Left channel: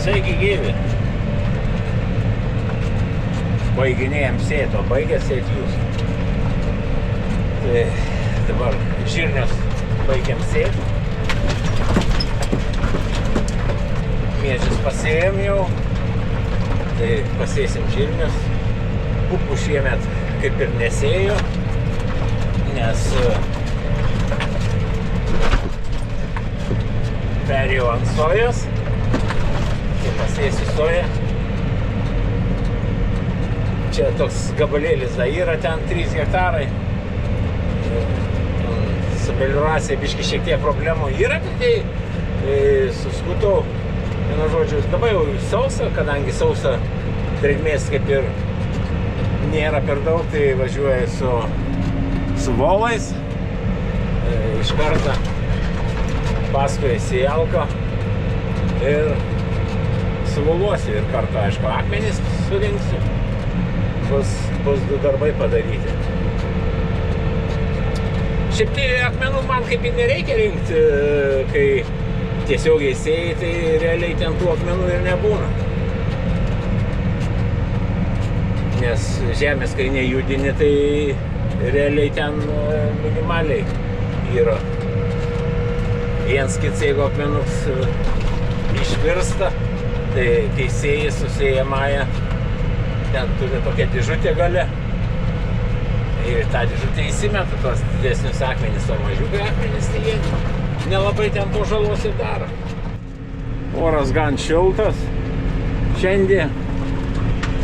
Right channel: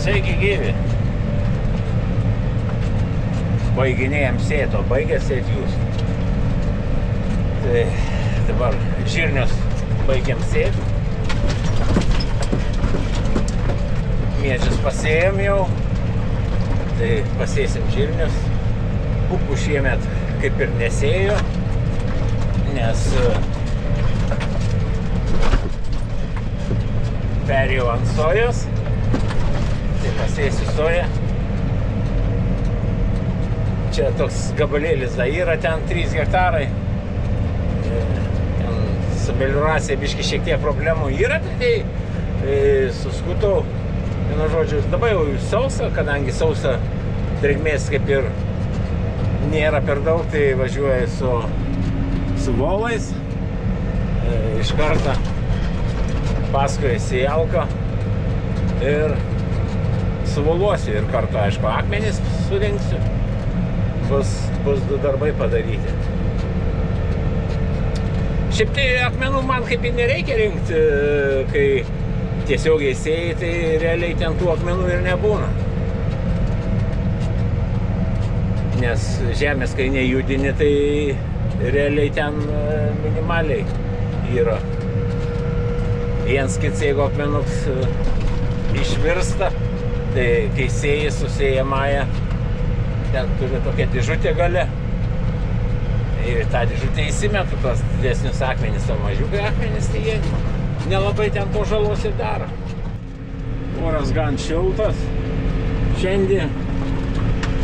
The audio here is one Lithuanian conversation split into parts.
Sveiki gyvi. Baiginėjom sėt, o baigė sėt jūs. Tai dabar žirnius baigiam sėt. Miežius pasėjom jau. Tai pasėsim žirnius. Pupų šiemet kaip ir nesėjo, nes perėjau ant sojos. Tai pasėsiu soją. Čia toks gabalėlis yra, ten 3 hektarai. Ten su melioracija biški šiek tiek problemų yra, tai suskutau. Vienu žodžiu, dabar jau sausa, kadangi sausa drėgmės kaip ir nėra per daug, tai važiuoju su volais. Iš karto paskui sėjalką ir suvoluosiu ir kartu, aišku, akmenis surinksiu. Bus 2 darbai padaryti. Šiaip tai akmenų man kaip ir nereikia rinkti, kai tiesiogiai sėjai, tai realiai ten tų akmenų ir nebūna. Nes žemės, kai nejudini, tai realiai ten minimaliai yra. Viens kits, jeigu akmenuks išvirsta, tai kai sėjai su sėjamąja, ten turi tokia dėžutė gale. Ir tą dėžutę įsimetu tos didesnius akmenis, o mažiukai akmenis, tai jie nelabai ten po žalos ir daro. Oras gan šiltas. Šiandien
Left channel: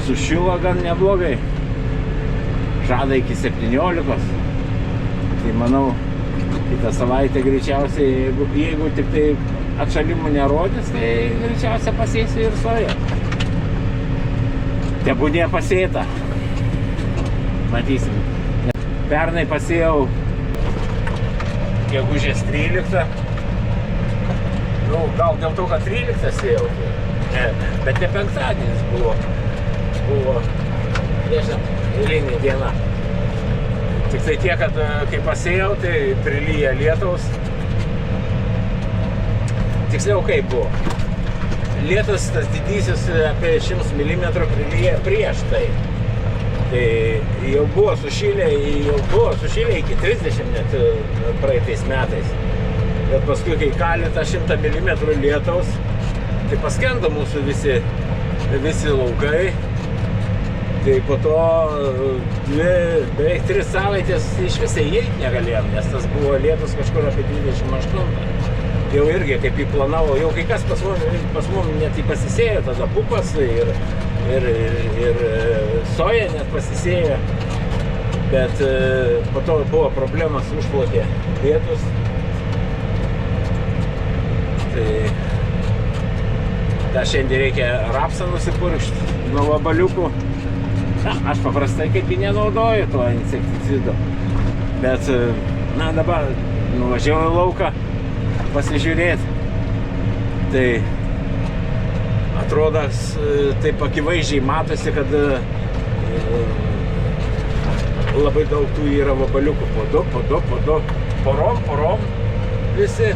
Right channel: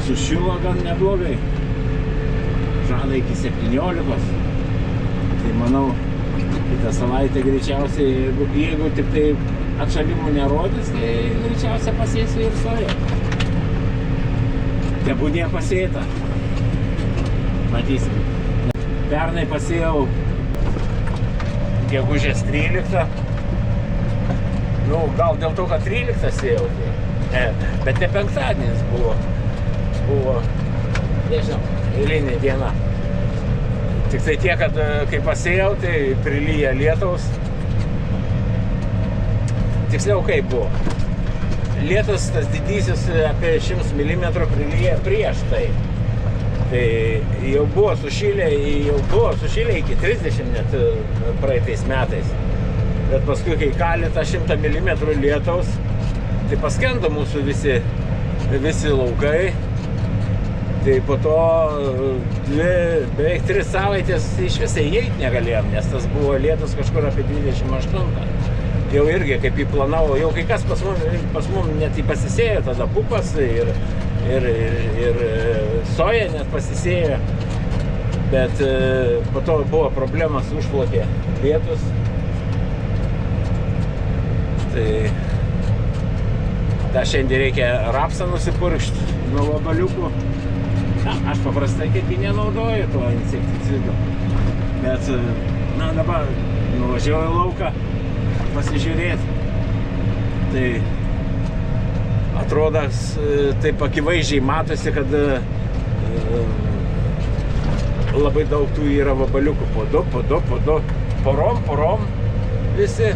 sušilo gan neblogai. Žada iki 17. Tai manau, kitą savaitę greičiausiai, jeigu tik tai atšalimų nerodys, tai greičiausiai pasėsiu ir soją. Tebūnė pasėta. Matysim. Pernai pasėjau gegužės 13. Nu, gal dėl to, kad 13 sėjau. Bet ne penktadienis buvo. Buvo, nežinau, eilinė diena. Tik tai tiek, kad kai pasėjau, tai prilyja lietaus. Tiksliau kaip buvo. Lietus tas didysis apie 100 mm prilyja prieš tai. Tai jau buvo sušilę iki 30 net praeitais metais. Bet paskui, kai kalė tą 100 mm lietaus, tai paskendo mūsų visi laukai. Tai po to beveik 3 savaitės iš visai įeit negalėjom, nes tas buvo lietus kažkur apie 28. Jau irgi kaip įplanavo, jau kai kas pas mum net pasisėjo, tada pupas ir soja net pasisėjo. Bet po to buvo problemas, užplotė lietus. Tai tą šiandien reikia rapsą nusipurkšti nuo vabaliukų. Aš paprastai kaip ir nenaudoju to insekticido. Bet, na, dabar nuvažiavau į lauką pasižiūrėti. Tai atrodo, taip akivaizdžiai matosi, kad labai daug tų yra vabaliukų. Po du, porom visi.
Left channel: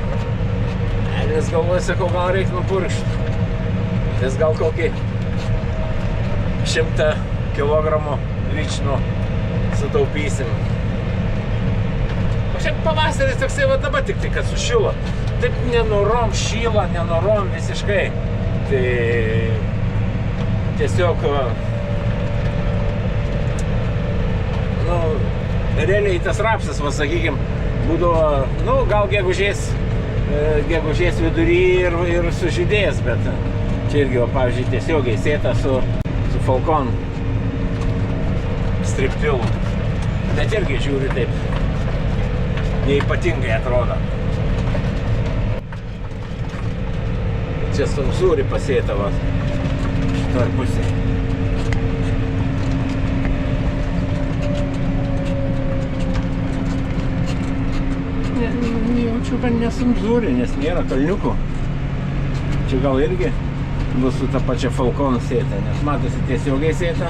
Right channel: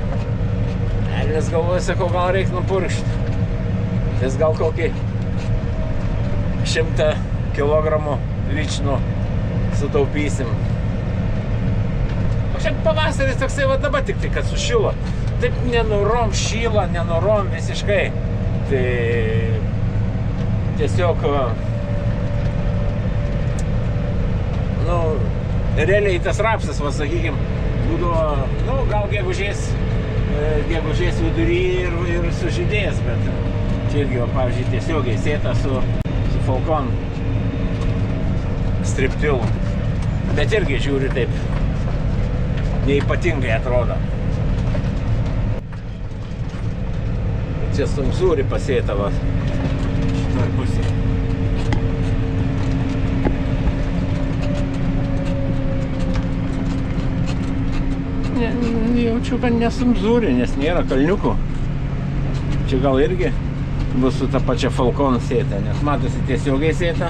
Nes galvoju, sakau, gal reikia nupurkšti. Nes gal kokį 100 kilogramų lyčinų sutaupysim. O šiaip pavasaris toksai va dabar tik tai, kad sušilo. Taip nenorom šyla, nenorom visiškai. Tai tiesiog, nu, realiai tas rapsas, va, sakykim, būdavo, nu, gal gegužės vidury ir sužydės, bet čia irgi, va, pavyzdžiui, tiesiogiai sėta su Falcon striptilu. Bet irgi žiūri taip, neypatingai atrodo. Čia sumsūri pasėta, va, šitoj pusėj. Jaučiu, kad nesumsūri, nes nėra kalniukų. Čia gal irgi bus su ta pačia Falcon sėta, nes matosi tiesiogiai sėta.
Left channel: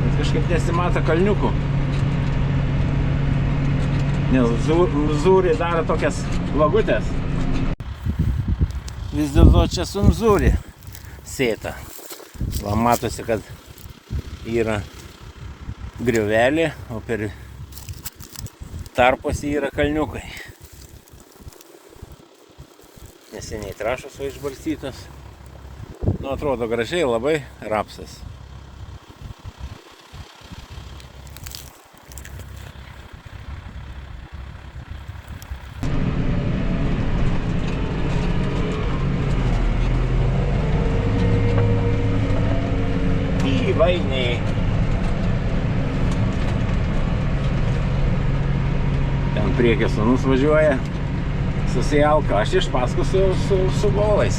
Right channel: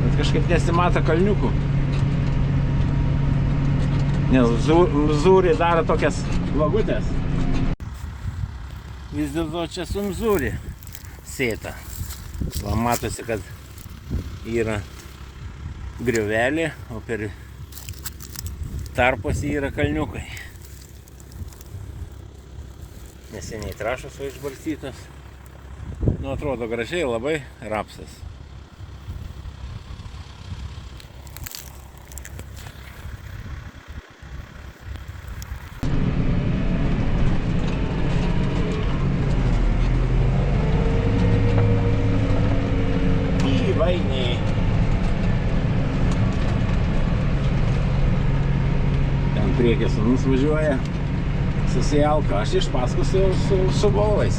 Bet kažkaip nesimata kalniukų. Nes zūri daro tokias vagutės. vis dėlto čia sunzūri sėta. Va, matosi, kad yra griovelė, o per tarpuose yra kalniukai. Neseniai trąšos va išbarstytos. Nu, atrodo gražiai labai rapsas. Įvainiai. Ten priekis sūnus važiuoja. Susijalka, aš iš paskos su volais.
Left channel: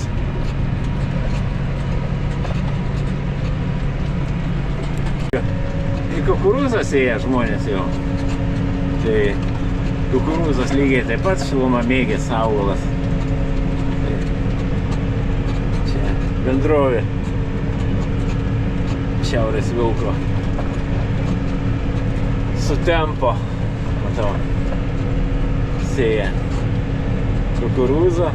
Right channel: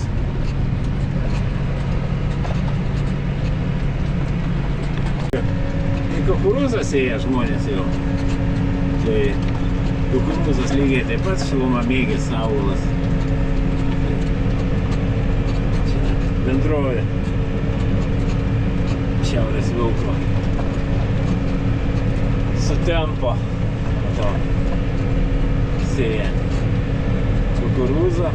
Į kukurūzą sėja žmonės jau. Tai kukurūzas lygiai taip pat šilumamėgis augalas. Čia bendrovė Šiaurės Vilko. Sutempo. Matau. Sėja kukurūzą.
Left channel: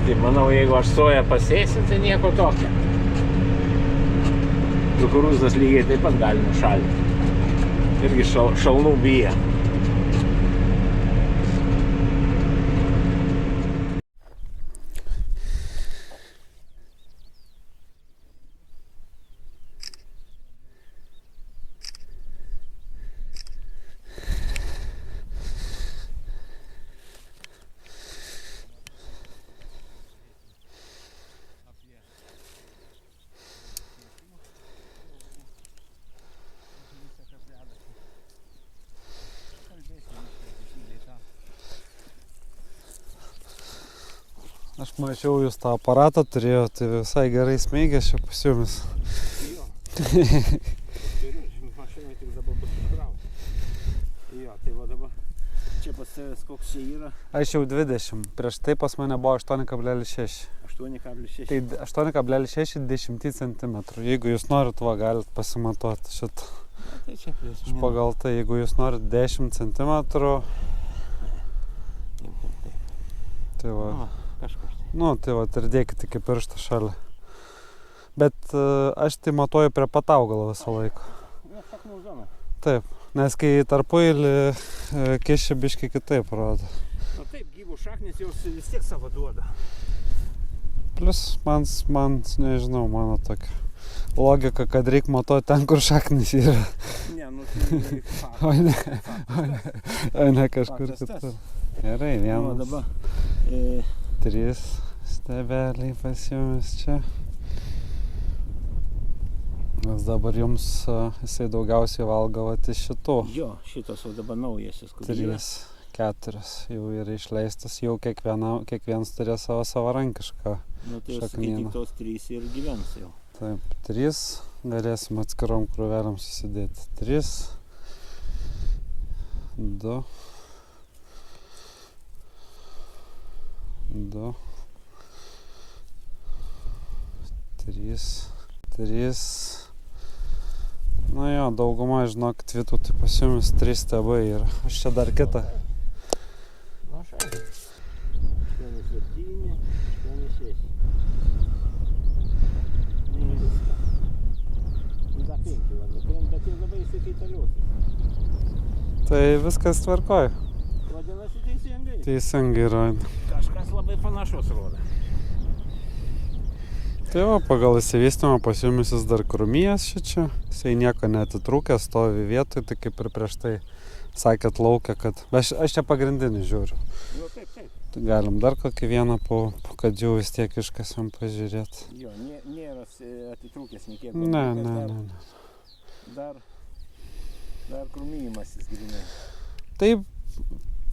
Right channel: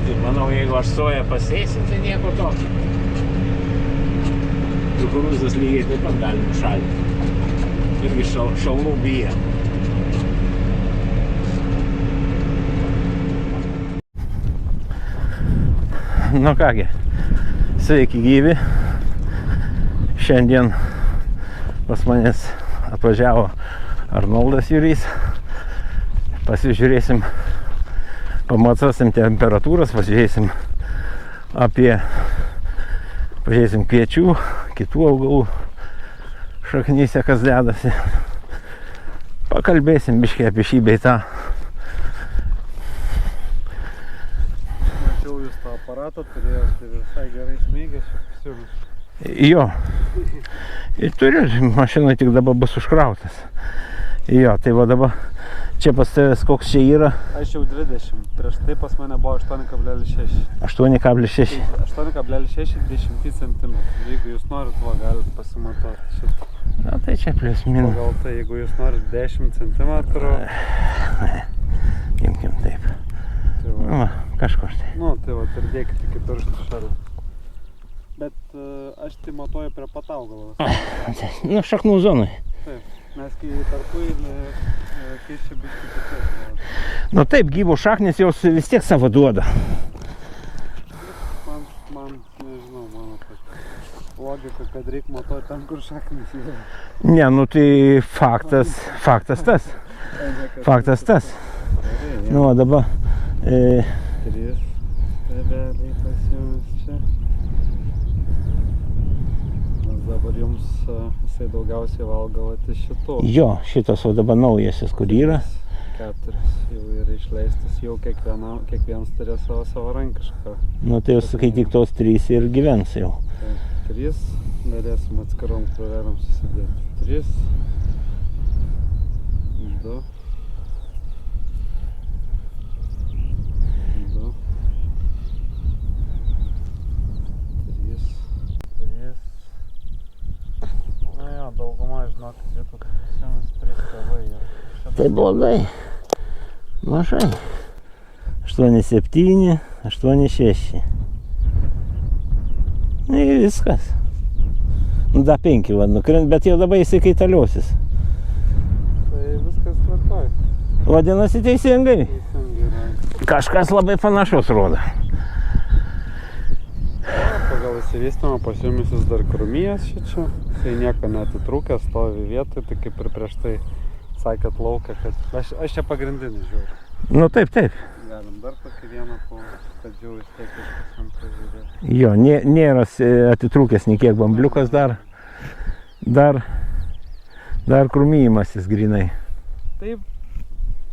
Tai manau, jeigu aš soją pasėsiu, tai nieko tokio. Kukurūzas lygiai taip pat gali nušalti. Irgi šalnų bijo. Nu kągi, sveiki gyvi. Šiandien pas manęs atvažiavo Arnoldas Jurys. Pasižiūrėsim, pamatuosim temperatūras, pažiūrėsim kviečių, kitų augalų šaknyse, kas dedasi. Pakalbėsim biškį apie šį bei tą. Aš mačiau, jūs tą aparatą turėjote, tai visai gerai smeigia čia pas jumis. Jo. Turiu, mašinai tik dabar bus užkrautas. Jo, tai va dabar čia pas tavęs koks čia yra? Aš jau 20, prieš tai pas mane buvo 8,6. 8,6. 8,6 10 cm. Jeigu jūs norit, va, galit pasimatuoti šitą. Na tai čia plius minus. Pagal tai, jeigu jūs norit 10 cm. Imkim taip. Tai va. Nu, kažkur tai. Nu, tai va, ir dėkit iki pirštų šalia. Bet aš tai matuoju prie pat augalo visą laiką. Nu, šaknų zonai. Taip, nes kai tarpuilį kiščia biškai kitaip rodo. Nu taip, gyvo šaknis jos vis tiek savo duoda. Vis man nežinau, mano tokia logika, kad reikia matuoti ten, kur šaknis yra. Ne, nu tai faktas tas. Faktas tas. Gerai, Nu, dabar 3 stebeliai pas jumis čia. Nes dabar jums jisai daugiausiai valgo iš šitų. jo, šitas o dabar naujasis, kur yra. 4 jau yra išleistas, jau kiekvienas turė savo savarankišką. Nu tai jau sakai, tik tos 3 ir gyvens jau. Taip, 3 galėsim atskirom krūvelėm susidėti. 3, 2, 2, 3. Na jo, dauguma, žinokit, vietų tai pas jumis 3 stebai yra. Aš čia dar Tai blogai. Mažai. 8,7, 8,6. Nu ir viskas. Nu da 5 va nukrint, bet jau dabar jisai kaitaliosis. Tai viskas tvarkoj. Vadinasi teisingai. Teisingai rodo. Kažkas labai panašus rodo. Tai va, pagal įsivystymą pas jumis jis dar krūmijas šičia. Jisai nieko neatitrūkęs, stovi vietoj, tai kaip ir prieš tai sakėt laukia, kad... Aš čia pagrindinį žiūriu. Nu taip. Galim dar kokį vieną kad jau vis tiek kažkas jam pažiūrėti. Jo, nėra atitrūkęs niekiek bambliukas dar. Dar krūmijimasis grinai. Taip,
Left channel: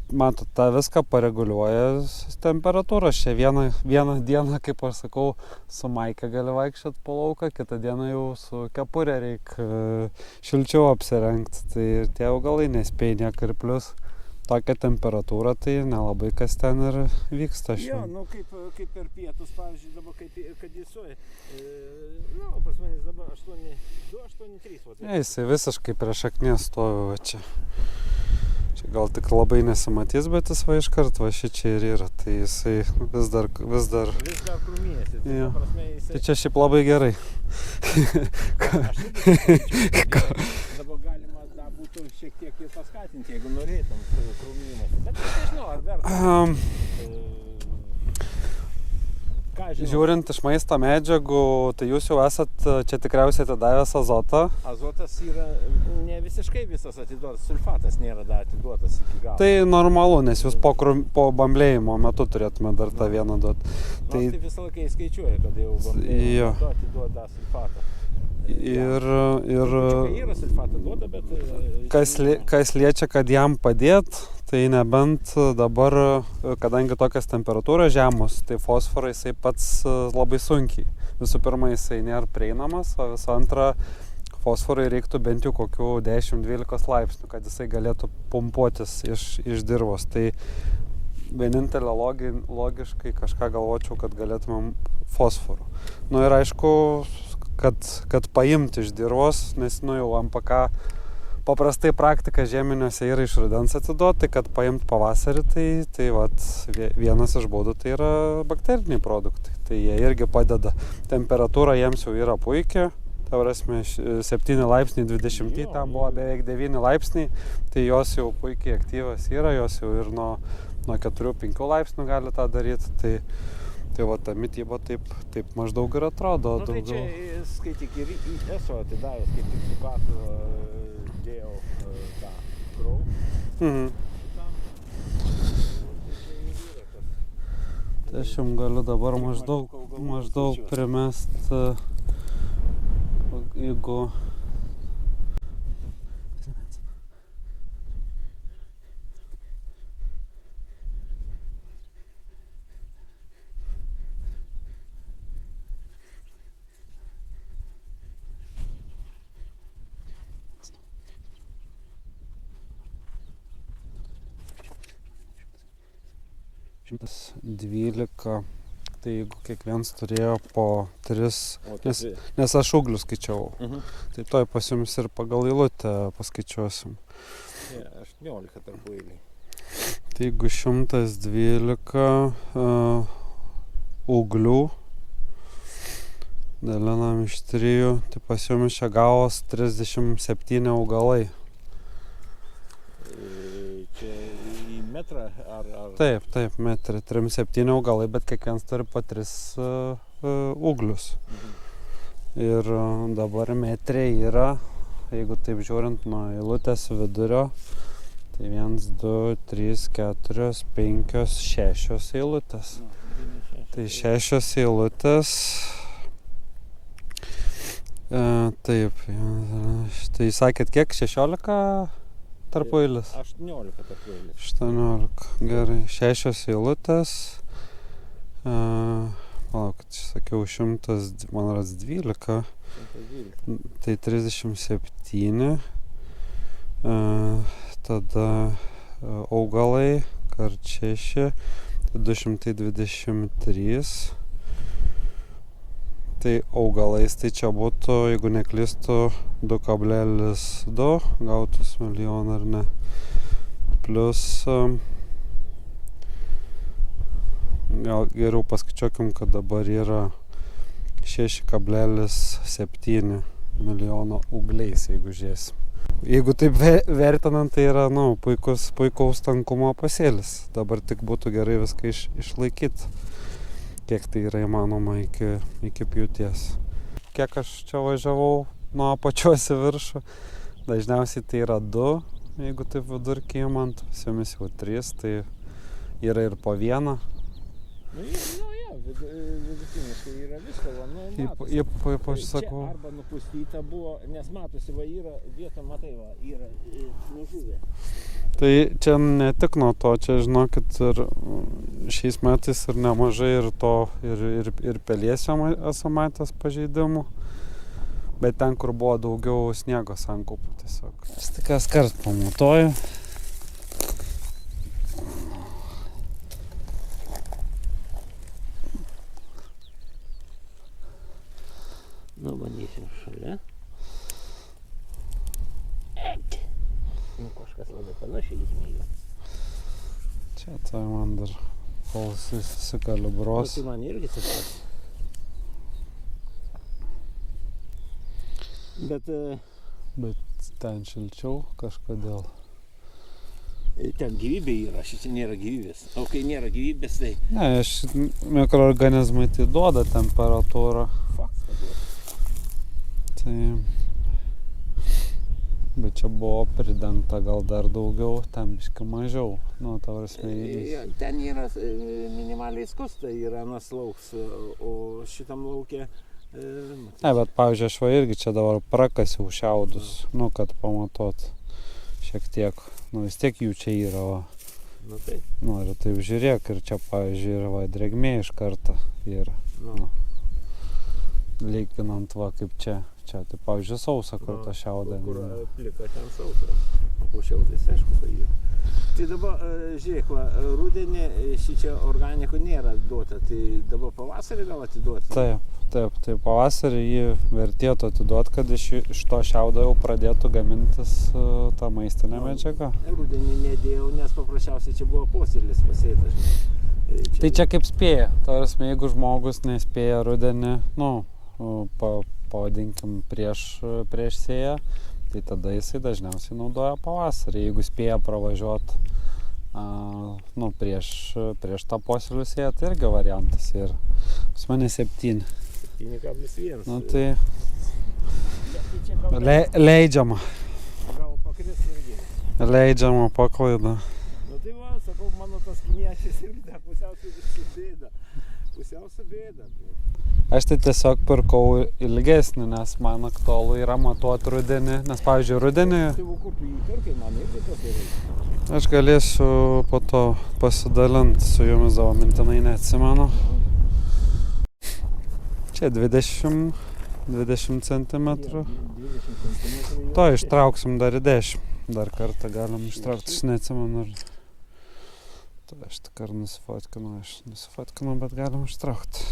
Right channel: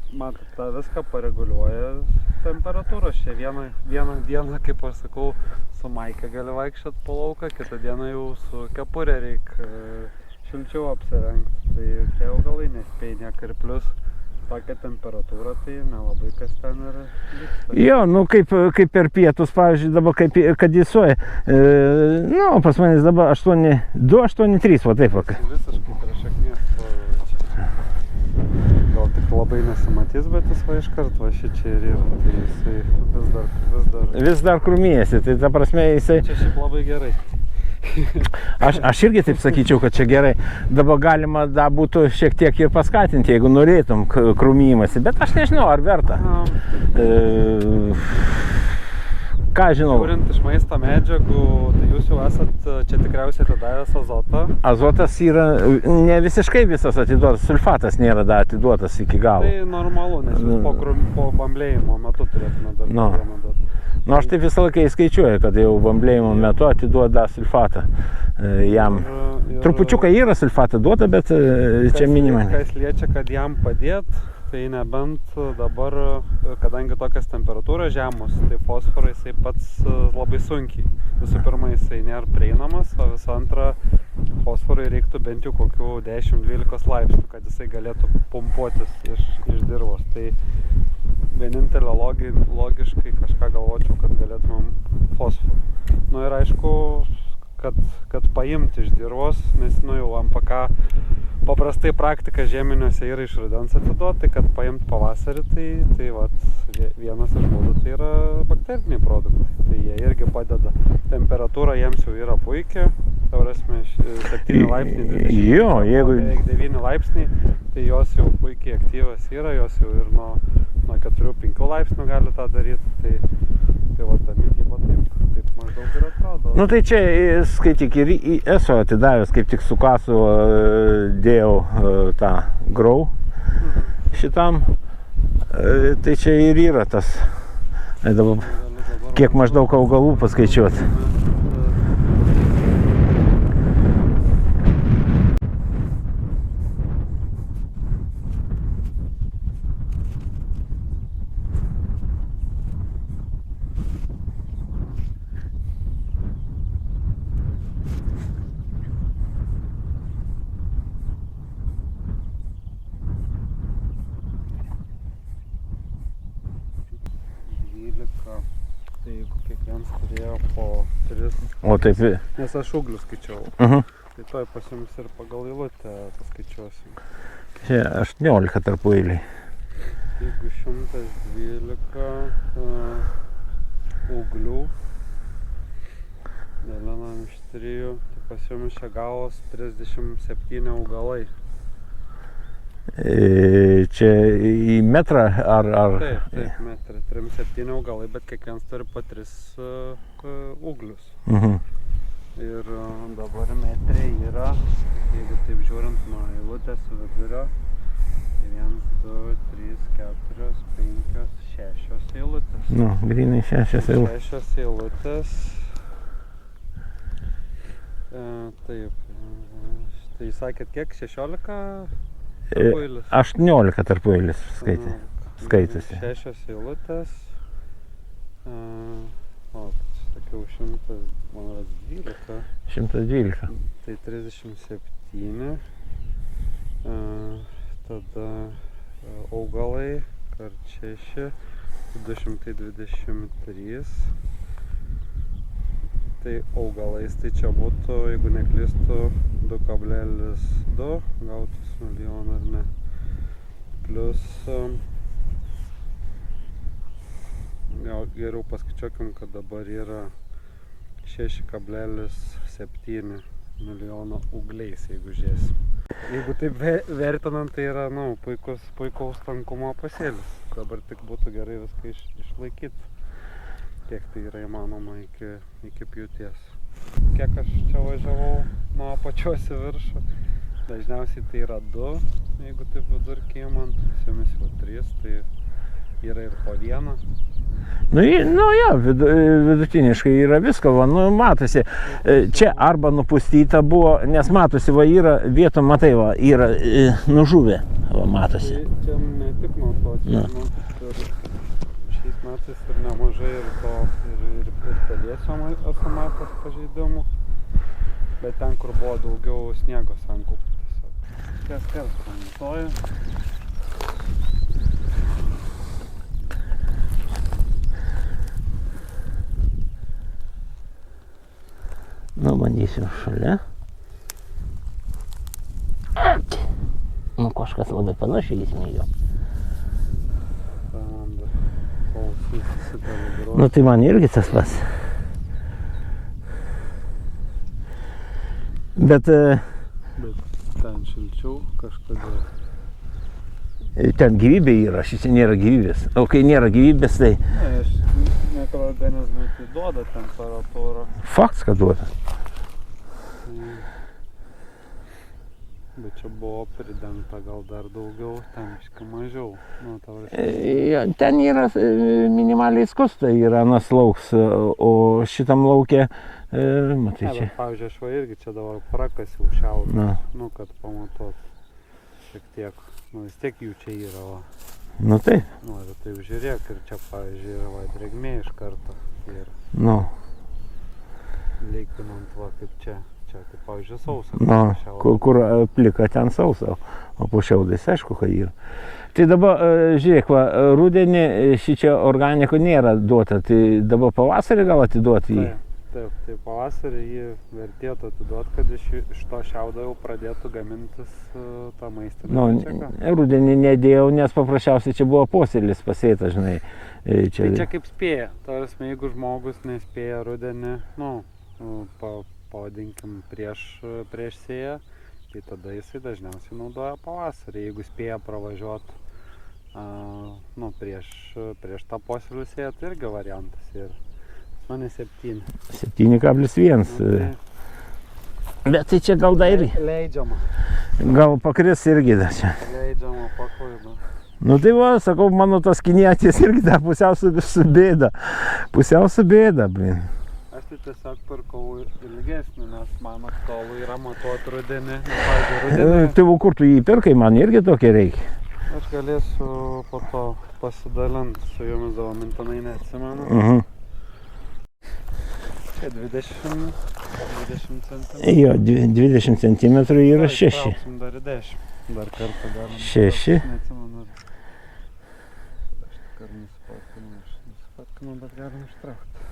matot, tą viską pareguliuoja temperatūra. Čia vieną dieną, kaip aš sakau, su maike gali vaikščioti po lauką, kitą dieną jau su kepurė reikia šilčiau apsirengti. Tai tie augalai nespėja nieko ir plius tokia temperatūra, tai nelabai kas ten ir vyksta. Jo, nu kaip per pietus, pavyzdžiui, dabar kad jis soja. Nu, pas manęs dabar 8,2, 8,3, va taip. Jis visiškai prie šaknies stovi va čia. Gal tik labai nesimatys, bet jis va iškart va šičia ir yra. Tai jisai vis dar krūmijasi, tai ta prasme jisai... Čia šiaip labai gerai. Aš irgi taip sakyčiau, kad čia gerai. Dabar galima būtų šiek tiek ir paskatinti, jeigu norėtum krūmijimąsi, bet aš nežinau, ar verta. Ką žinau? Žiūrint iš maisto medžiagų, tai jūs jau esat čia tikriausiai atidavęs azotą. Azotas yra ne visiškai visas atiduotas, sulfatas nėra dar atiduotas iki galo. Tai normalu, nes jūs po bamblėjimo metu turėtume dar tą vieną duoti. Nu, aš taip visą laiką įskaičiuoju, kad jau bamblėjimo metu atiduoda sulfatą. Jam. Trupučiuką yra sulfatą duota, bet čia minimai. Kas liečia, kad jam padėt, tai nebent dabar, kadangi tokias temperatūros žemos, tai fosforą jisai pats labai sunkiai. Visų pirma, jisai nėra prieinamas, o visų antra, fosforui reiktų bent jau kokių 10-12 laipsnių, kad jisai galėtų pumpuotis iš dirvos. Tai vienintelė logiškai kažką galvočiau, kad galėtumėm fosforų. Nu ir aišku, kad paimti iš dirvos, nes jau MPK paprastai praktika žieminiuose yra iš rudens atiduoti, tai kad paimt pavasarį, tai vienas iš būdų tai yra bakteriniai produktai. Tai jie irgi padeda. Temperatūra jiems jau yra puikia, ta prasme 7 laipsniai 20, beveik 9 laipsniai, tai jos jau puikiai aktyvios yra, jos jau ir nuo 4-5 laipsnių gali tą daryti. Tai va, ta mityba taip maždaug ir atrodo. Nu tai čia, skaityk, ir esu atidavęs, kaip tik su kasu dėjau tą grau šitam. Tai čia ir yra tas. Kiek maždaug augalų paskaičiuoti. Tai jeigu kiekvienas turėjo po 3, nes aš ūglius skaičiavau, tai toj pas jums ir pagal eilutę paskaičiuosim. Čia 18 tarp eiliai. Tai jeigu 112 ūglių dalinam iš 3, tai pas jums čia gavos 37 augalai. Čia į metrą ar... Taip, metrą. 37 augalai, bet kiekvienas turi po 3 ūglius. Ir dabar metriai yra, jeigu taip žiūrint nuo eilutės vidurio, tai 1, 2, 3, 4, 5, 6 eilutės. Nu, grynai 6 eilutės. 6 eilutės. Taip, tai sakėt kiek? 16? Tarpueilis. 18 tarpueilis. 18. Gerai. 6 eilutės. Palaukit, sakiau 100, man rodos 12. 112. Tai 37. Tada augalai, kart 6, 223. Tai augalais, tai čia būtų, jeigu neklystu, 2,2 gautus milijoną ar ne. Plius, gal geriau paskaičiuokim, kad dabar yra 6,7 milijono ūgliais, jeigu žiūrėsim. Jeigu taip vertinant, tai yra puikaus tankumo pasėlis. Dabar tik būtų gerai viską išlaikyti. Kiek tai yra įmanoma iki pjūties. Kiek aš čia važiavau nuo apačios į viršų, dažniausiai tai yra 2, jeigu taip vidurkį imant, su jomis jau 3, tai yra ir po 1. Nu jo, vidutiniškai yra visko, matosi. Čia arba nupustyta buvo, nes matosi, yra vietom, matai, yra nužuvę, matosi. Tai čia ne tik nuo to, čia žinokit, ir šiais metais ir nemažai ir to, ir pelėsio esu matęs pažeidimų, bet ten, kur buvo daugiau sniego sankaupų tiesiog. Kas kart pamatuoju. Nu, bandysiu šalia. Nu, kažką kažkas labai panašiai įsmėjo. Čia tai man dar, kol susikalibruos. Nu tai man irgi tas pats. Bet ten šilčiau kažkodėl. ten gyvybė yra, šičia nėra gyvybės. O kai nėra gyvybės, tai Ne, mikroorganizmai tai duoda temperatūrą. faktas, kad duoda. Tai... Bet čia buvo pridengta gal dar daugiau, ten biškį mažiau. Nu, ta prasme. Ten yra minimaliai skusta, yra anas lauks, o šitam lauke, matai Ne, čia. bet pavyzdžiui, aš va irgi čia dabar prakasiau šiaudus, nu, kad pamatot šiek tiek. Nu, vis tiek jų čia yra, va. Nu tai, Nu, ir taip žiūrėk, ir čia, pavyzdžiui, yra va, drėgmė iš karto. Ir nu, lyginant, va, kaip čia. Čia, tai, pavyzdžiui, sausa, nu, šiaudų. kur plika ten sausa, o po šiaudais aišku, kad yra. Tai dabar, žiūrėk, va, rudenį šičia organiko nėra duota, tai dabar pavasarį gal atiduoti jį? Taip, tai pavasarį jį vertėtų atiduoti, kad iš to šiaudo jau pradėtų gamintis tą maistinę medžiagą. Rudenį nedėjau, nes paprasčiausiai čia buvo posėlis pasėtas, žinai. Tai čia kaip spėja, tarsi, jeigu žmogus nespėja rudenį, nu, pavadinkim prieš sėją, tai tada jisai dažniausiai naudoja pavasarį, jeigu spėja pravažiuoti nu, prieš tą posėlių sėją, tai irgi variantas ir pas mane 7. 7,1. Nu, tai Bet tai čia gal dar leidžiama. gal pakris irgi dar čia. Leidžiama paklaida. Nu tai va, sakau, mano tas kinietės irgi dar pusiau su bėda. Pusiau su bėda, blin. Aš tai tiesiog pirkau ilgesnį, nes man aktualu yra matuoti rudenį, nes, pavyzdžiui, rudenį Tai kur tu jį pirkai, man irgi tokia reikia. aš galėsiu po to pasidalinti su jumis, savo mintinai neatsimenu. Čia 20 cm. Jo, 20 cm yra To 6. ištrauksim dar į 10. Dar kartą galim 6. Aš neatsimenu. Aš tik ar nusifotkinau, bet galim ištraukti.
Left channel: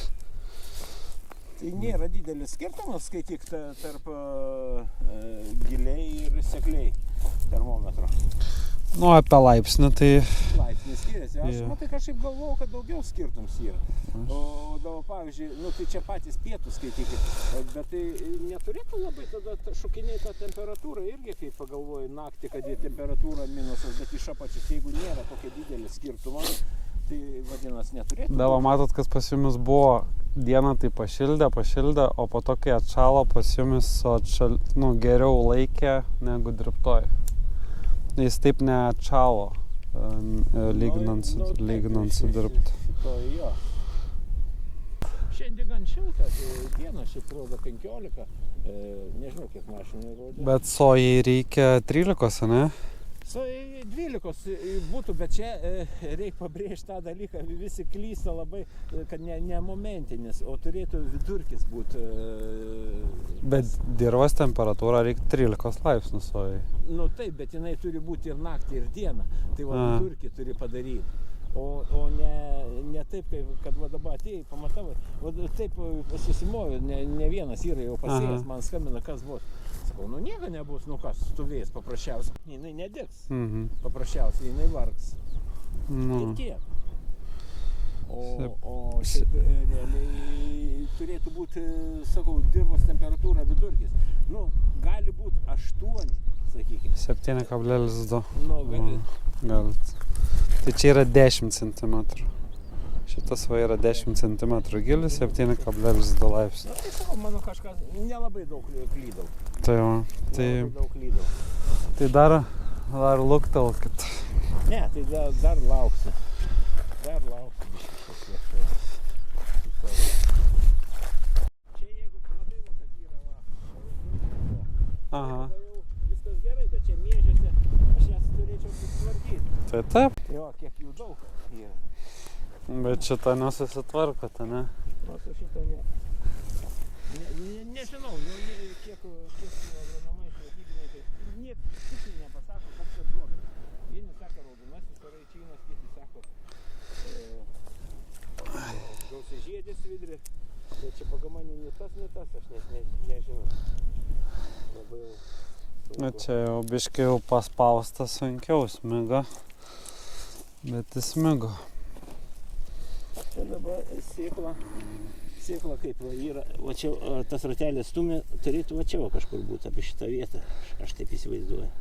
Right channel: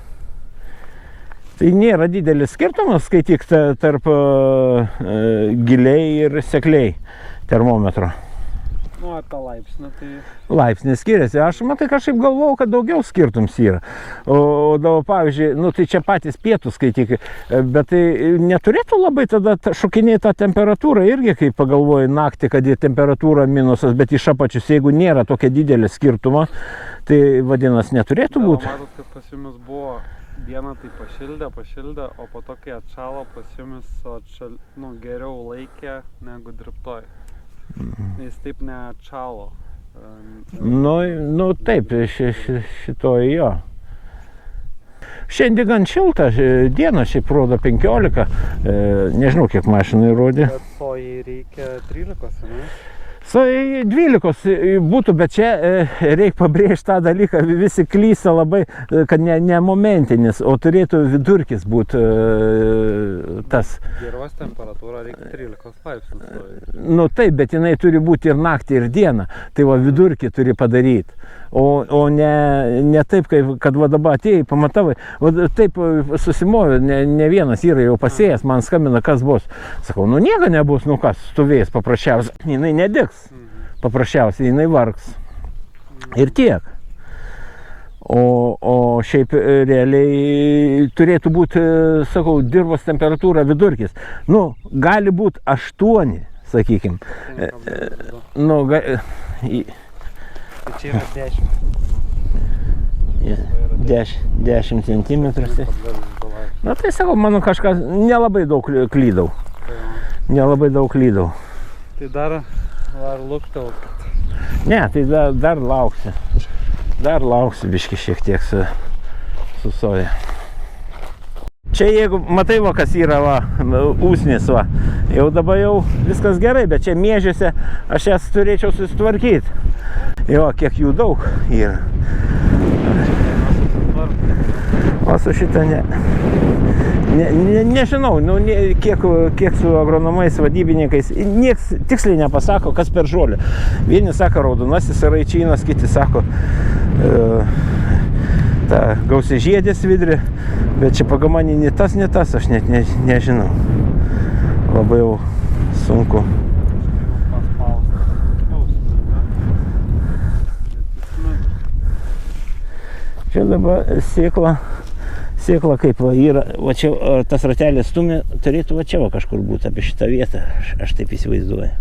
Tai nėra didelis skirtumas, skaityk, tarp giliai ir sekliai termometro. Nu, apie laipsnį, tai Laipsnis skiriasi. Aš matai kažkaip galvojau, kad daugiau skirtums yra. O dabar, pavyzdžiui, nu tai čia patys pietų skaityk, bet tai neturėtų labai tada šokinėti tą temperatūrą irgi, kai pagalvoji naktį, kad į temperatūrą minusas, bet iš apačius, jeigu nėra tokia didelė skirtumas, tai vadinasi neturėtų būti. matot, kas pas jumis buvo dieną, tai pašildė, o po to, kai atšalo, pas jumis geriau laikė negu dirbtoj. Jis taip neatšalo. Nu taip, šitoj jo. Šiandien gan šilta diena, šiaip rodo 15, nežinau kiek mašinai rodė. Bet sojai reikia 13, ne? Sojai 12 būtų, bet čia reikia pabrėžti tą dalyką, visi klysta labai, kad ne momentinis, o turėtų vidurkis būti tas. Dirvos temperatūra reikia 13 laipsnių sojai. Nu taip, bet jinai turi būti ir naktį, ir dieną, tai va vidurkį turi padaryti. O ne taip, kad va dabar atėjai, pamatavai, va taip susimovė, ne vienas yra jau pasėjęs, man skambina, kas bus. Sakau, nu nieko nebus, nu kas, stovės paprasčiausiai, jinai nedigs, paprasčiausiai jinai vargs. Ir tiek. O šiaip realiai turėtų būti, sakau, dirvos temperatūra vidurkis. Nu, gali būti 8, sakykim. 7,2. Nu, Tai čia yra 10 cm. Šitas va yra 10 cm. 10 cm. 7,2 laipsnių. Na tai sakau, mano kažkas nelabai daug klydau. Tai va. Nelabai daug klydau. Tai dar luktelkit. Ne, tai dar lauksiu. Dar lauksiu biškį šiek tiek su soja. Čia jeigu matai va, kas yra va, usnis va, jau dabar jau viskas gerai, bet čia miežiuose aš jas turėčiau susitvarkyti. Tai taip. Jo, kiek jų daug yra. Šitą nesusitvarkau. O su šitą ne. Nežinau, nu, kiek su agronomais, vadybininkais, nieks tiksliai nepasako, kas per žolė. Vieni sako raudonasis raičynas, kiti sako ta gausiažiedė svidrė, bet čia pagal manį ne tas, aš net nežinau. Labai jau sunku. Čia jau biškai jau paspaustas sunkiau smiga, bet jis smigo. Čia dabar sėkla kaip va yra, va čia tas ratelės stumia, turėtų va čia va kažkur būti apie šitą vietą, aš taip įsivaizduoju.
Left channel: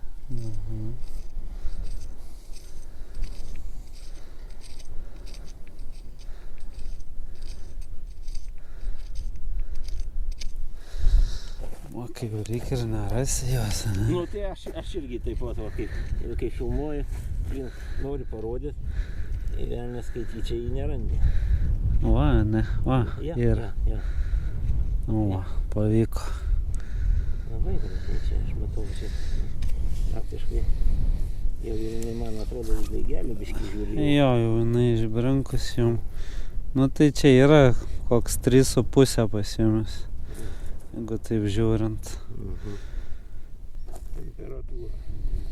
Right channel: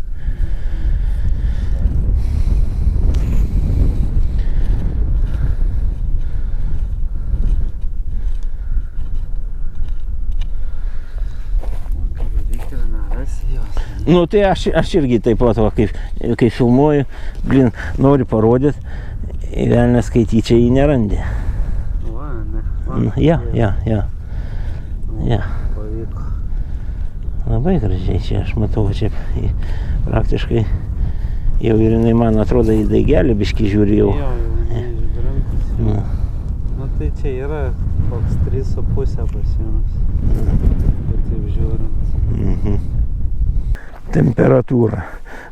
O kaip reikia ir nerasi jos. Nu tai aš irgi taip pat, va, kai filmuoju, noriu parodyti, velnias skaityčiai jį nerandi. Va, ne. Va, Ja. Pavyko. Labai gražiai čia, aš matau, čia praktiškai jau ir jinai, man atrodo, į daigelį biškį žiūri jau. Jo, jau jinai išbrinkus jau. Nu tai čia yra koks 3,5 pasiėmus, jeigu taip žiūrint. Temperatūra.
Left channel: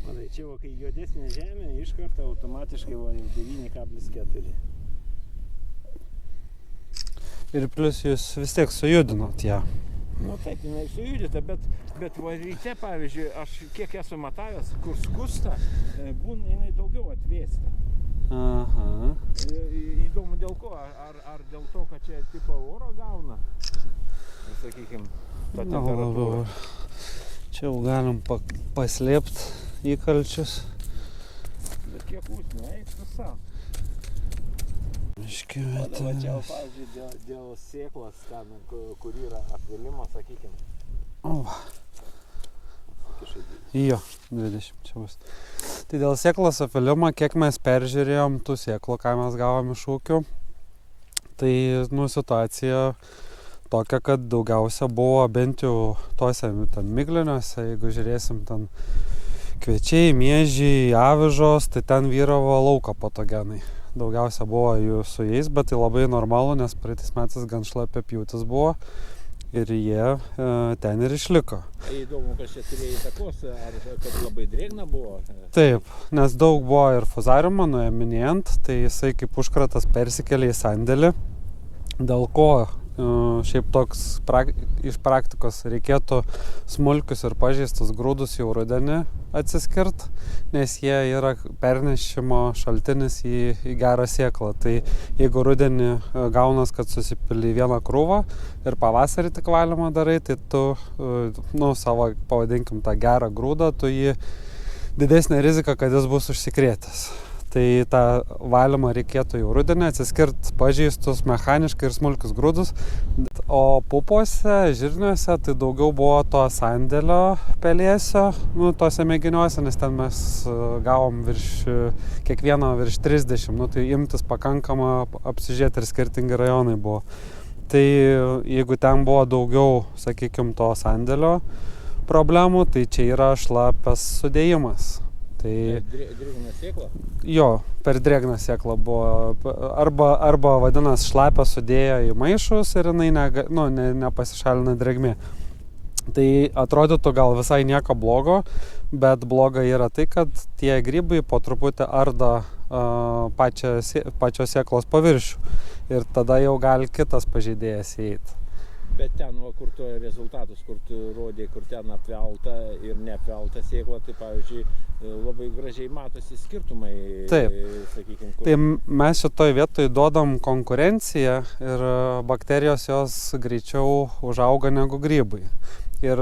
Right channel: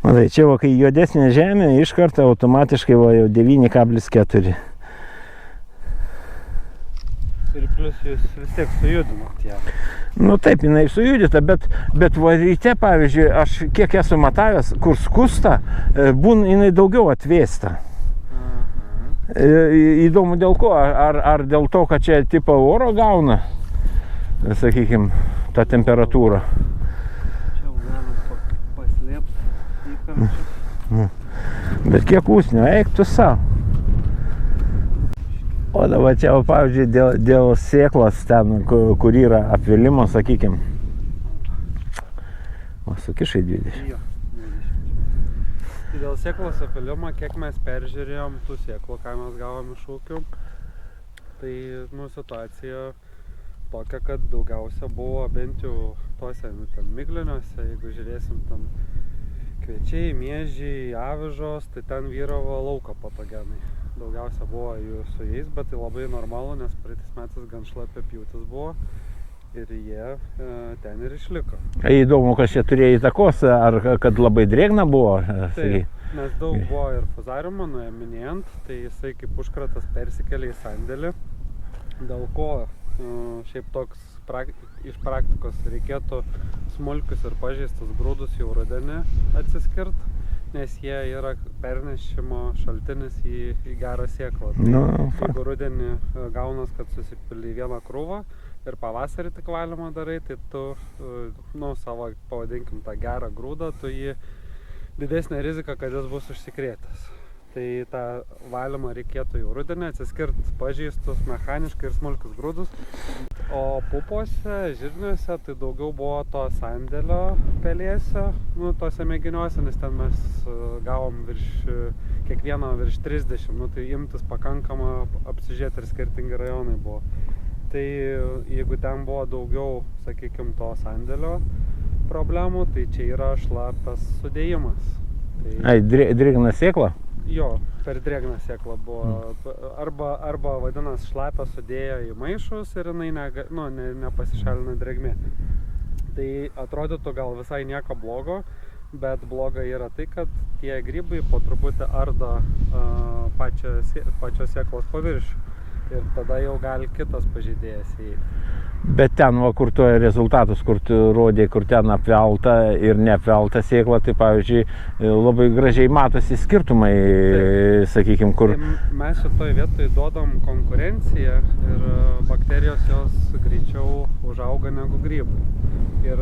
Matai, čia va, kai juodesnė žemė, iš karto automatiškai va, jau 9,4. Ir plus jūs vis tiek sujudinot ją. Nu taip, jinai sujudita, bet va ryte, pavyzdžiui, aš kiek esu matavęs, kur skusta, jinai daugiau atvėsta. Įdomu dėl ko, ar dėl to, kad čia tipo oro gauna, sakykim, tą temperatūrą. Čia jau galim paslėpti įkalčius. Bet kiek usnio, eik tu savo. O dabar čia, pavyzdžiui, dėl sėklos ten, kur yra apvilimo, sakykim. O, sukišai 20. Jo, 20 čia bus. Tai dėl sėklos apvilimo, kiek mes peržiūrėjom tų sėklų, ką mes gavom iš ūkių, tai, situacija tokia, kad daugiausia buvo bent jau tose migliniuose, jeigu žiūrėsim ten kviečiai, miežiai, avižos, tai ten vyravo lauko patogenai. Daugiausia buvo jų su jais, bet tai labai normalu, nes praeitais metais gan šlapia pjūtis buvo ir jie ten ir išliko. Įdomu, kas čia turėjo įtakos, ar kad labai drėgna buvo? Taip, nes daug buvo ir fuzariumo nuėminėjant, tai jisai kaip užkratas persikėlė į sandėlį, dėl ko šiaip toks iš praktikos reikėtų smulkius ir pažeistus grūdus jau rudenį atsiskirt, nes jie yra pernešimo šaltinis į gerą sėklą. Tai jeigu rudenį gaunas, kad susipili vieną krūvą ir pavasarį tik valymą darai, tai tu savo, pavadinkim, tą gerą grūdą, tu jį didesnė rizika, kad jis bus užsikrėtęs. Tai tą valymą reikėtų jau rudenį atsiskirt pažeistus mechaniškai ir smulkius grūdus. O pupuose, žirniuose, tai daugiau buvo to sandėlio pelėsio, tose mėginiuose, nes ten mes gavom kiekvieno virš 30, tai imtis pakankama apsižiūrėti ir skirtingi rajonai buvo. Tai jeigu ten buvo daugiau, sakykim, to sandėlio problemų, tai čia yra šlapias sudėjimas. Drėgna sėkla? Jo, per drėgną sėklą buvo, arba vadinas šlapę sudėjo į maišus ir jinai nepasišalina drėgmė. Tai atrodytų gal visai nieko blogo, bet bloga yra tai, kad tie grybai po truputį ardo pačios sėklos paviršių ir tada jau gali kitas pažeidėjas įeiti. Bet ten, kur tu rezultatus, kur tu rodė, kur ten apvelta ir neapvelta sėkla, tai pavyzdžiui, labai gražiai matosi skirtumai, sakykim, kur... Tai mes šitoj vietoj duodam konkurenciją ir bakterijos jos greičiau užauga negu grybai. Ir,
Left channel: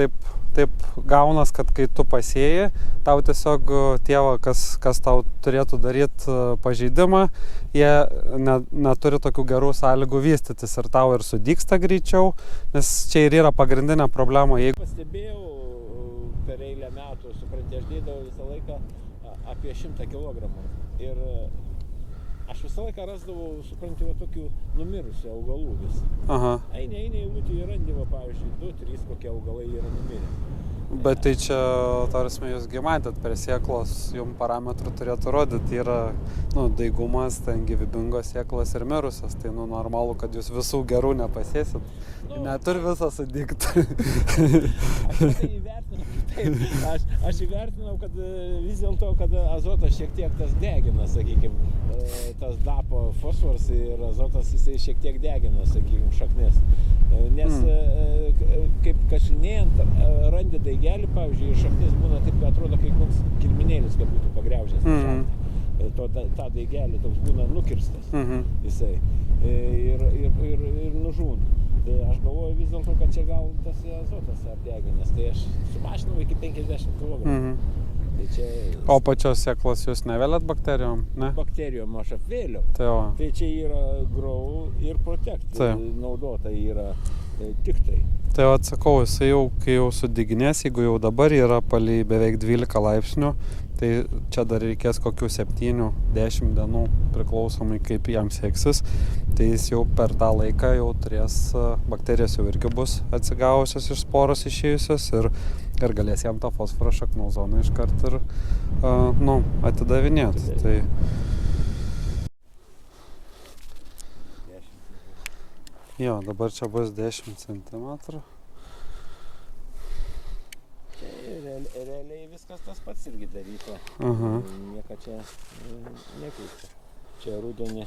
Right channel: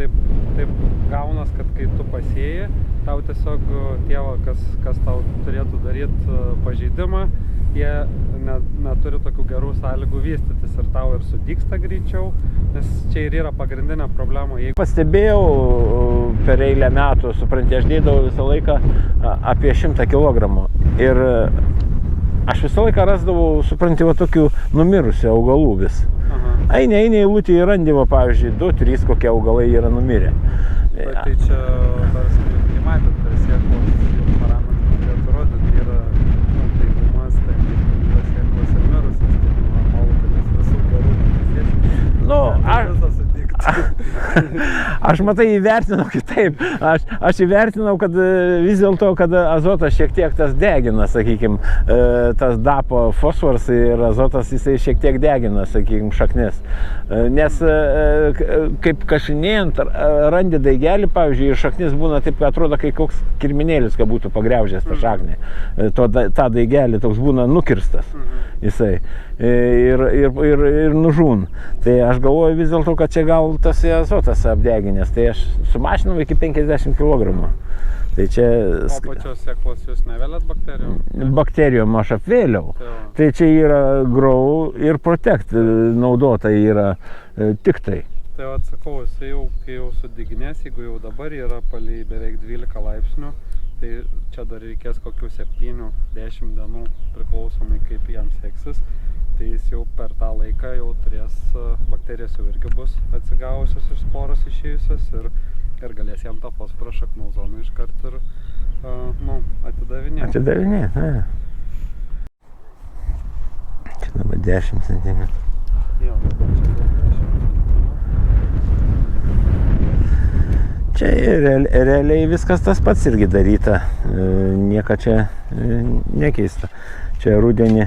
taip gaunas, kad kai tu pasėjai, tau tiesiog tie, kas tau turėtų daryti pažeidimą, jie neturi tokių gerų sąlygų vystytis ir tau ir sudygsta greičiau, nes čia ir yra pagrindinė problema. Pastebėjau per eilę metų, supranti, aš dėdavau visą laiką apie 100 kilogramų ir aš visą laiką rasdavau, supranti, tokių numirusių augalų vis. Eini eilutį į randymą, pavyzdžiui, 2-3 kokie augalai yra numirę. Bet tai čia, tarsi, jūs matėt, per sėklos jau parametrų turėtų rodyti, yra daigumas, ten gyvybingos sėklos ir mirusios, tai normalu, kad jūs visų gerų nepasėsit. Visą sudygti. Aš matai įvertinau taip, aš įvertinau, kad vis dėlto, kad azotas šiek tiek tas degina, sakykime, tas dapo fosforas ir azotas jisai šiek tiek degina, sakykime, šaknis. Nes kaip kašinėjant randi daigelį, pavyzdžiui, ir šaknis būna taip, kad atrodo, kai koks kirminėlis, kad būtų pagriaužęs tą šaknį. Ta daigelį toks būna nukirstas jisai ir nužūn. Tai aš galvoju vis dėlto, kad čia gal tas azotas apdeginęs, tai aš sumažinau iki 50 kg. Tai čia... O pačios sėklos jūs nevelėt bakterijom? Bakterijom aš apvėliau. Tai čia yra Grow ir Protect naudota yra tik tai. Tai atsakau, jisai jau, kai jau sudiginės, jeigu jau dabar yra palei beveik 12 laipsnių, tai čia dar reikės kokių 7-10 dienų priklausomai kaip jam seksis. Tai jis jau per tą laiką jau turės, bakterijos jau irgi bus atsigavusios iš sporos išėjusios ir galės jam tą fosforą šaknų zoną iškart ir atidavinėti. Čia dabar 10 cm. Jo, dabar čia bus 10 cm. Čia realiai viskas tas pats irgi daryta, nieko čia nekeista. Čia rudenį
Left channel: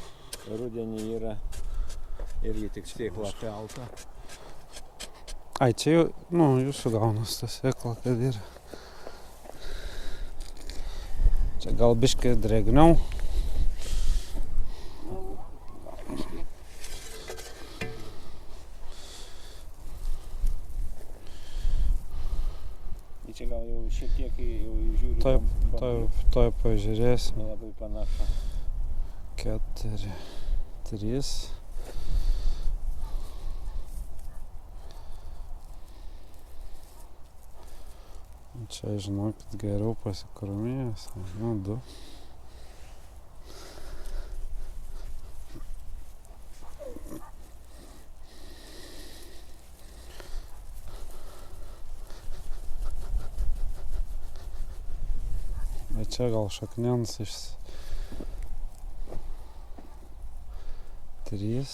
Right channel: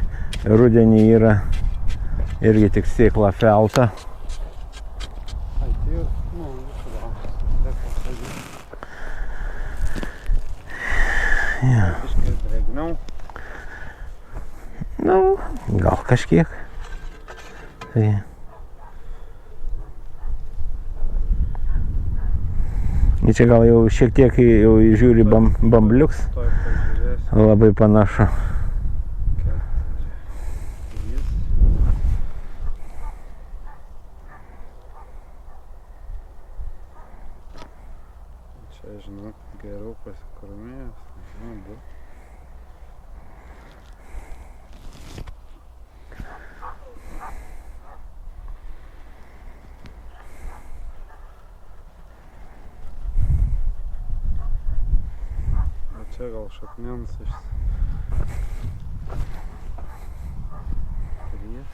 yra irgi tik sėkla felta. Ai, čia jau, jūsų gaunas tas sėkla, kad gal biškai drėgniau? Gal kažkiek. Tai... Čia gal jau šiek tiek jau žiūri bambliuks. Toj pažiūrėsiu. Labai panašu. 4, 3. Čia žinau, kad geriau pasikrūmėjęs. 2. Čia gal šakniens iš 3.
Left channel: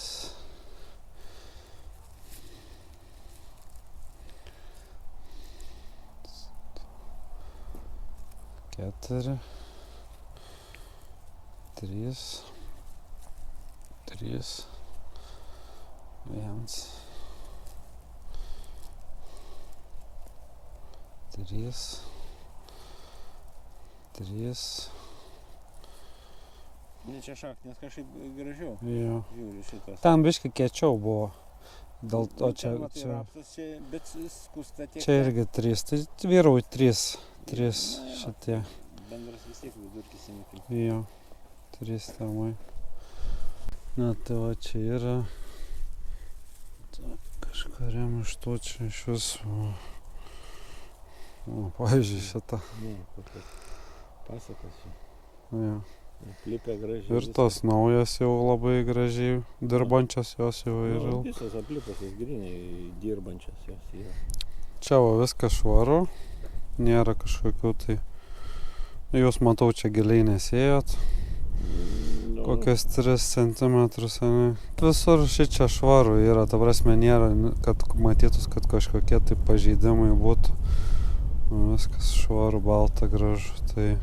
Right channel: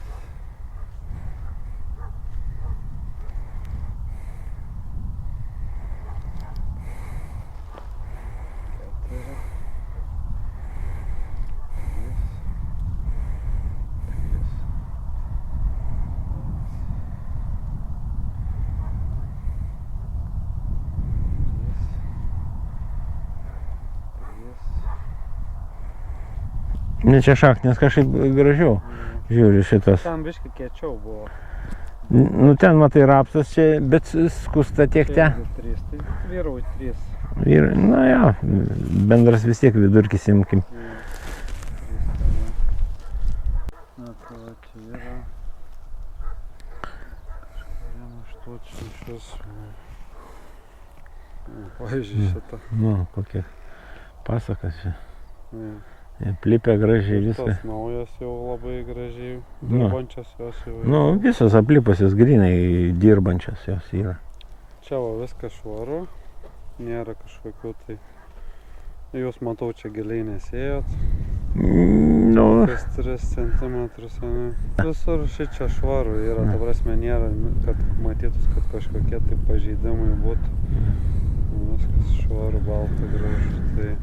4. 3. 1. 3. Čia šaknės kažkaip gražiau. Žiūri šitas. Ten biškai kiečiau buvo. Ten matai rapsas čia, bet skusta tiek ten. Čia irgi 3, tai vyrauj 3. Bendras vis tiek vidurkis imkim. 3 tema. Tai va čia yra kažkariam iš tų čia iš viso. Pavyzdžiui šitą. Kokia pasakas čia. Plipia gražiai viskas. Ir tos naujas jau labai gražiai dirbančios jos jau yra. Visos aplipusios grinai dirbančios jos yra. Čia viskas švaru, nėra kažkokių tai... Jūs matau čia giliai nesėjot. Kokias 3 cm. Visur šičia švaru yra, ta prasme nėra, kad matytus, kad kažkokie tai pažeidimai būtų. Viskas švaru, balta, gražu. Tai...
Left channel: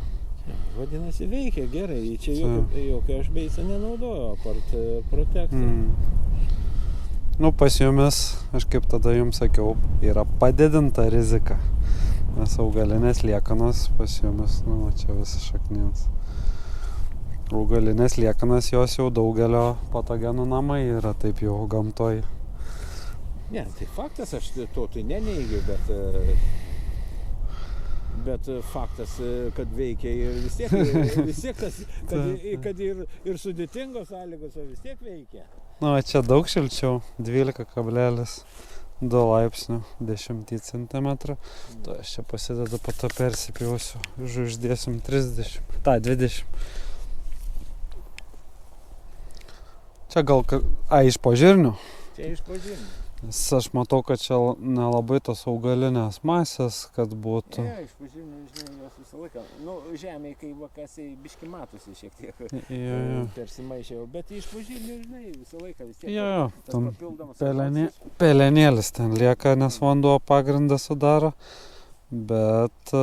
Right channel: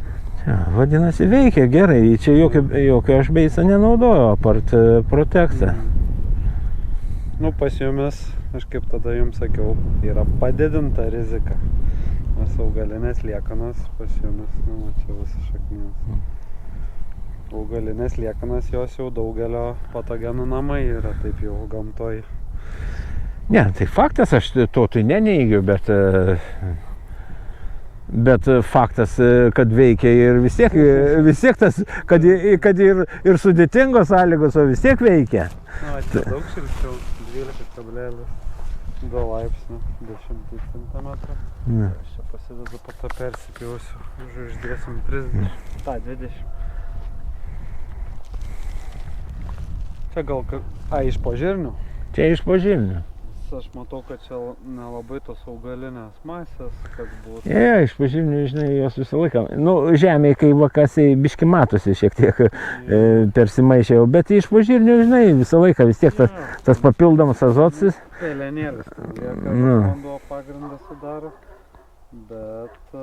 Vadinasi, veikia gerai. Čia jokio aš beisą nenaudoju, apart Protectą. Pas jumis, aš kaip tada jums sakiau, yra padidinta rizika. Nes augalinės liekanos pas jumis, čia visi šaknės. Augalinės liekanos jos jau daugelio patogenų namai yra taip jau gamtoj. Ne, tai faktas, aš to tai neneigiu, bet faktas, kad veikia ir vis tiek tas, kad ir sudėtingos sąlygos, o vis tiek veikia. Čia daug šilčiau, 12,2 laipsnių, 10 cm. Aš čia pasidedu, po to persipjausiu, uždėsim 30, 20. Čia gal, iš požirnių? Čia iš požirnių. Aš matau, kad čia nelabai tos augalinės masės, kad būtų. Iš požirnių, žinai, jos visą laiką. Žemėje, kai vakasiai biški matosi šiek tiek persimaišė, bet iš požirnių, žinai, visą laiką vis tiek tas papildomas azotas. Pelenėlis ten lieka, nes vanduo pagrindą sudaro. Bet,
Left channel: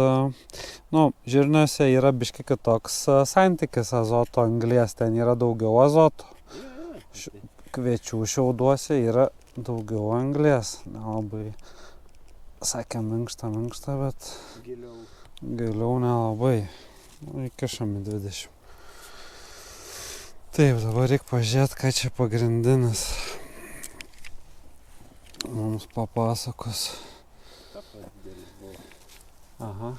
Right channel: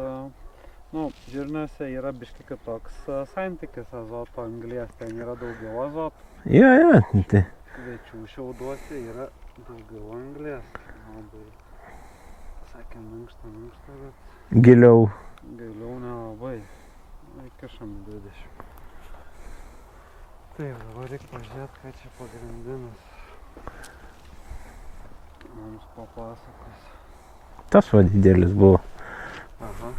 žirniuose yra biški kitoks santykis azoto anglies, ten yra daugiau azoto. Jo, tai. Kviečių šiauduose yra daugiau anglies. Nelabai, sakė, minkšta, bet Giliau. nelabai. Įkišame 20. Taip, dabar reikia pažiūrėti, ką čia pagrindinis mums papasakos. Tas va didelis buvo. Aha.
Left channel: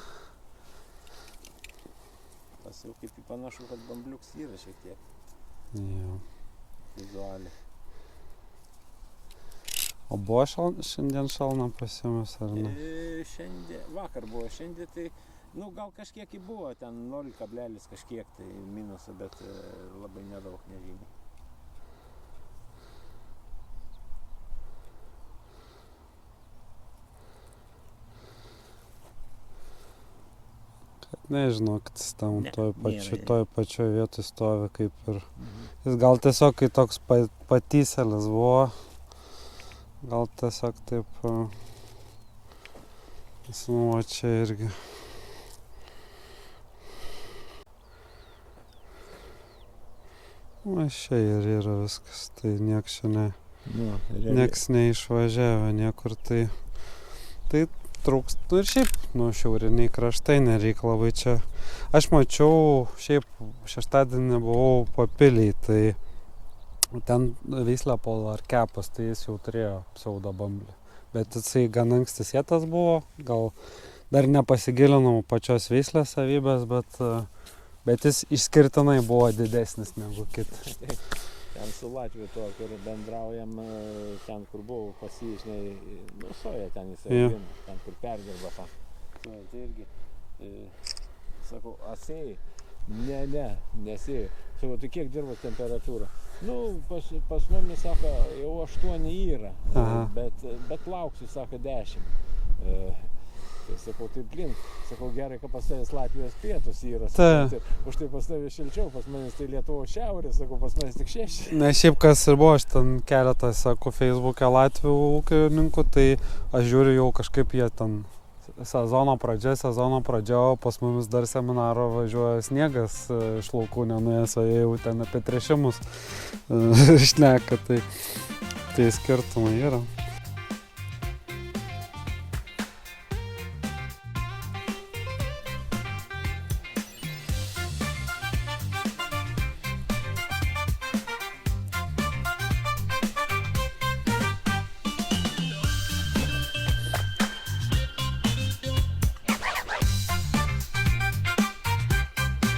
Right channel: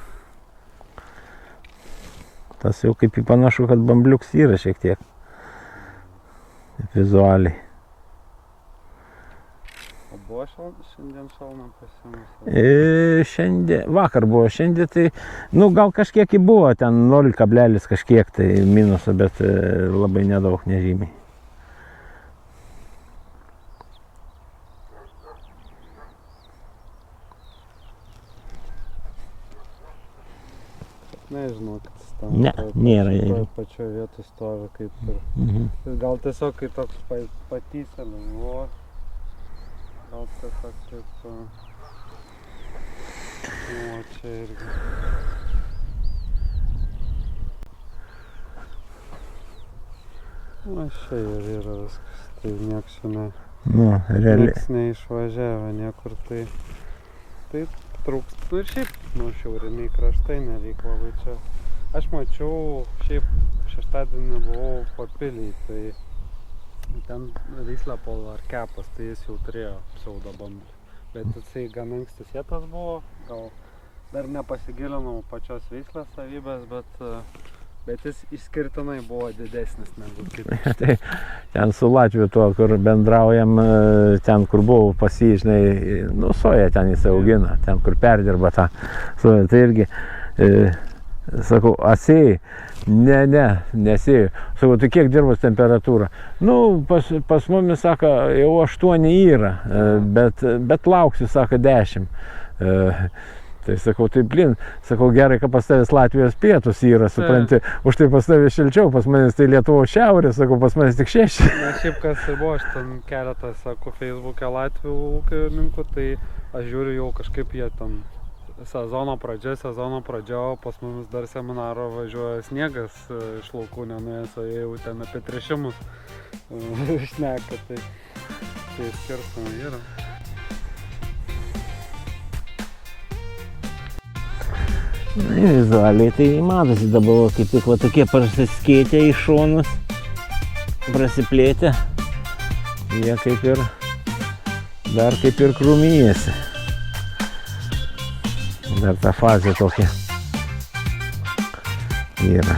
Tas jau kaip į panašu, kad bambliuks yra šiek tiek. Vizualiai. O buvo šiandien šalna pasimus? Šiandien, vakar buvo, šiandien tai, gal kažkiek buvo, ten 0 kablelis kažkiek tai minuso, bet labai nedaug, nežymiai. Nežinau, kad jis tam nėra. toj pačioj vietoj stovi kaip ir. Jis gal tiesiog kai toks patyselis buvo. Gal tiesiog taip. O čia irgi. Čia ir yra viskas. Tai nieks čia ne. Nieks neišvažiavę niekur. Tai trūkst. Ir šiaip, šiauriniai kraštai nereik labai čia. Aš mačiau, šiaip šeštadienį buvau Papiliai, tai ten Vyslepolo ar Kepas, tai jis jau turėjo pseudo bamblį. Bet jisai gan anksti sėtas buvo, gal dar nepasigilinau pačios veislės savybės, bet jis išskirtinai buvo didesnis negu kitas. Tai ten su Latviu tuo, kur bendraujam, ten kur buvau pas jį, žinai, soja ten jis augina, ten kur perdirba tą soją. Tai irgi, sakau, asėjai? Nesėjai. Sakau, tai kiek dirbos temperatūra? Pas mumis, sako, jau 8 yra, bet lauksiu, sako, 10. Tai sakau, tai blin, sakau, gerai, kad pas tavęs Latvijos pietus yra, supranti, už tai pas tavęs šilčiau, pas manęs tai Lietuvos šiaurė, sakau, pas manęs tik 6. Na, šiaip kas ir buvo, aš ten keletą, sako, Facebook'e Latvių ūkininkų, tai aš žiūriu jau kažkaip jie ten sezono pradžia, o pas mumis dar seminaro važiuoja sniegas iš laukų nenuėjęs, o jie jau ten apie tręšimus šneka, tai skirtumai yra. Vizualiai tai matosi dabar, kaip tik va tokie prasiskėtę į šonus, prasiplėtę. Jie kaip ir, dar kaip ir krūmijasi. Dar ta fazė tokia yra.